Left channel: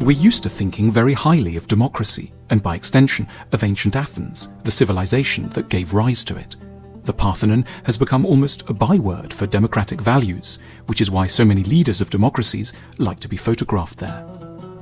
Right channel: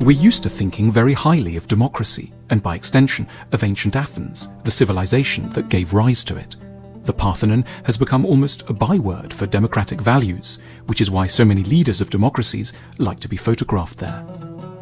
We're used to thinking very highly of democracy, and by extension of ancient Athens, the civilization that gave rise to it. The Parthenon has become almost a byword for democratic values, which is why so many leaders of democracies like to be photographed there.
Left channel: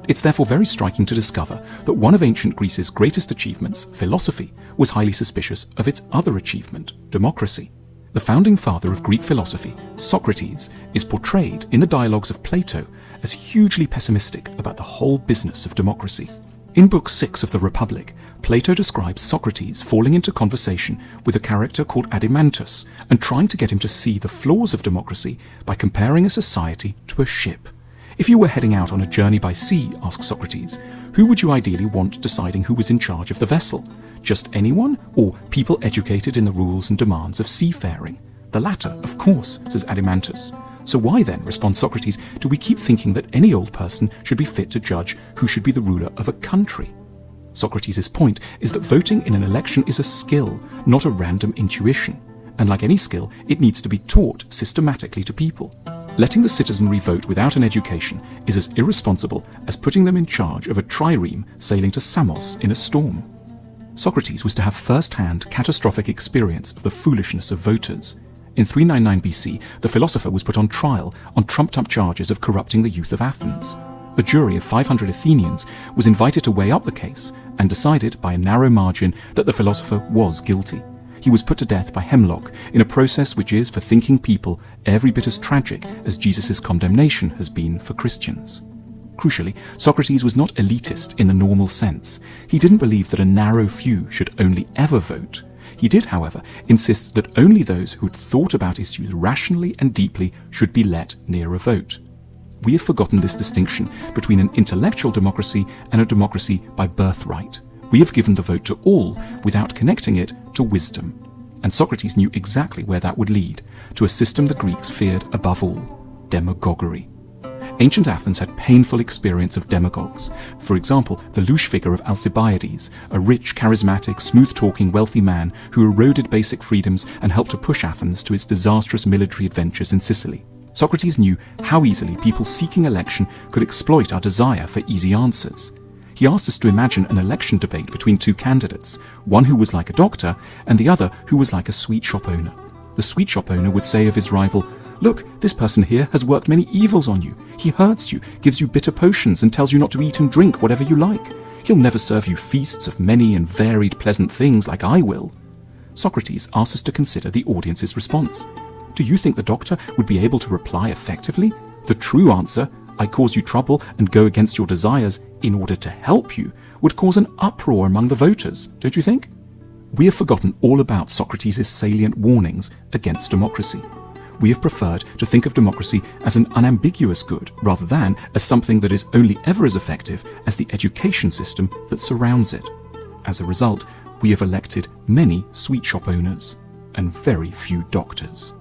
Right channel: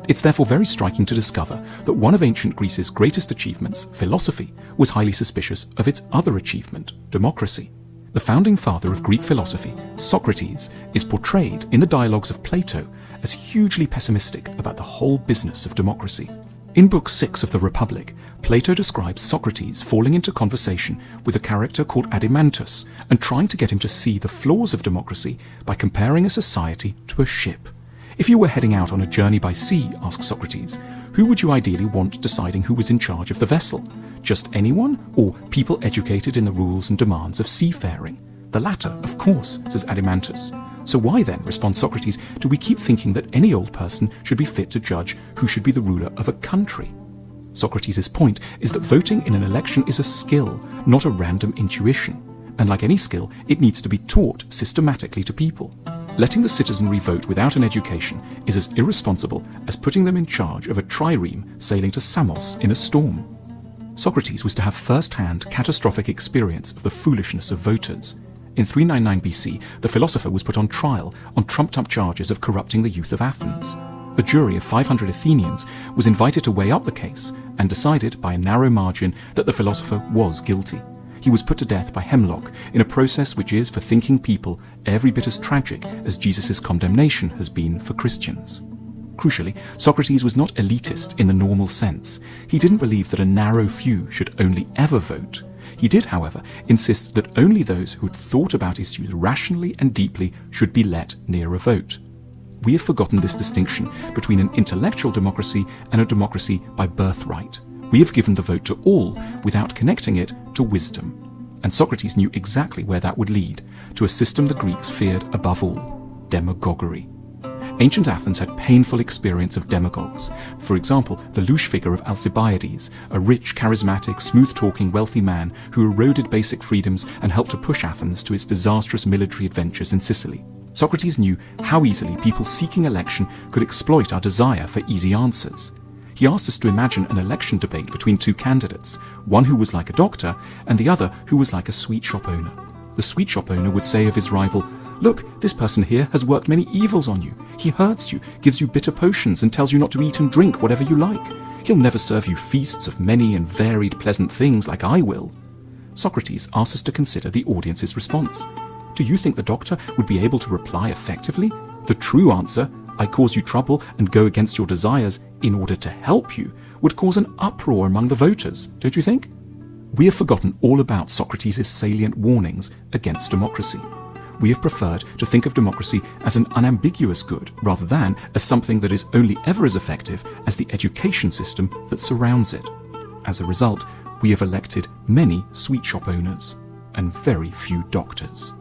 It's therefore very striking to discover that one of ancient Greece's greatest achievements, philosophy, was highly suspicious of its other achievement, democracy. The founding father of Greek philosophy, Socrates, is portrayed in the dialogues of Plato as hugely pessimistic about the whole business of democracy. In Book 6 of the Republic, Plato describes Socrates falling into conversation with a character called Adimantus and trying to get him to see the flaws of democracy by comparing a society to a ship. If you were heading out on a journey by sea, asks Socrates, who would you ideally want deciding who was in charge of the vessel? Just anyone, or people educated in the rules and demands of seafaring? The latter, of course, says Adimantus. So why then, responds Socrates, do we keep thinking that any old person should be fit to judge who should be the ruler of a country? Socrates' point is that voting in an election is a skill, not a random intuition. And like any skill, it needs to be taught systematically to people. Letting the citizenry vote without an education is as irresponsible as putting them in charge of a trireme sailing to Samos in a storm. Socrates was to have first-hand catastrophic experience of the foolishness of voters. In 399 BC, the philosopher was put on trial on trumped-up charges of corrupting the youth of Athens. A jury of 500 Athenians was invited to weigh up the case and decided by a narrow margin that the philosopher was guilty. He was put to death by hemlock in a process which is, for thinking people, every bit as tragic as Jesus' condemnation has been for Christians. Crucially, Socrates was not elitist in the normal sense. He didn't believe that a narrow few should only ever vote. He did, however, insist that only those who had thought about issues rationally and deeply should be let near a vote. We have forgotten this distinction between an intellectual democracy and a democracy by birthright. We have given the vote to all without connecting it to wisdom. And Socrates knew exactly where that would lead, to a system the Greeks feared above all, demagoguery. Ancient Athens had painful experience of demagogues. For example, the louche figure of Alcibiades, a rich, charismatic, smooth-talking, wealthy man who eroded basic freedoms and helped to push Athens to its disastrous military adventures in Sicily. Socrates knew how easily people seeking election could exploit our desire for easy answers. He asked us to imagine an election debate between two candidates, one who was like a doctor and the other who was like a sweet shop owner. The sweet shop owner would say of his rival, "Look, this person here has worked many evils on you. He hurts you, gives you bitter potions, and tells you not to eat and drink whatever you like. He'll never serve you feasts of many and varied pleasant things like I will." Socrates asks us to consider the audience's response. Do you think the doctor would be able to reply effectively? The true answer, "I cause you trouble and go against your desires in order to help you," would cause an uproar among the voters, don't you think? We have forgotten all about Socrates' salient warnings against democracy. We have preferred to think of democracy as an unambiguous good rather than as something that is only ever as effective as the education system that surrounds it. As a result, we have elected many sweet shop owners and very few doctors.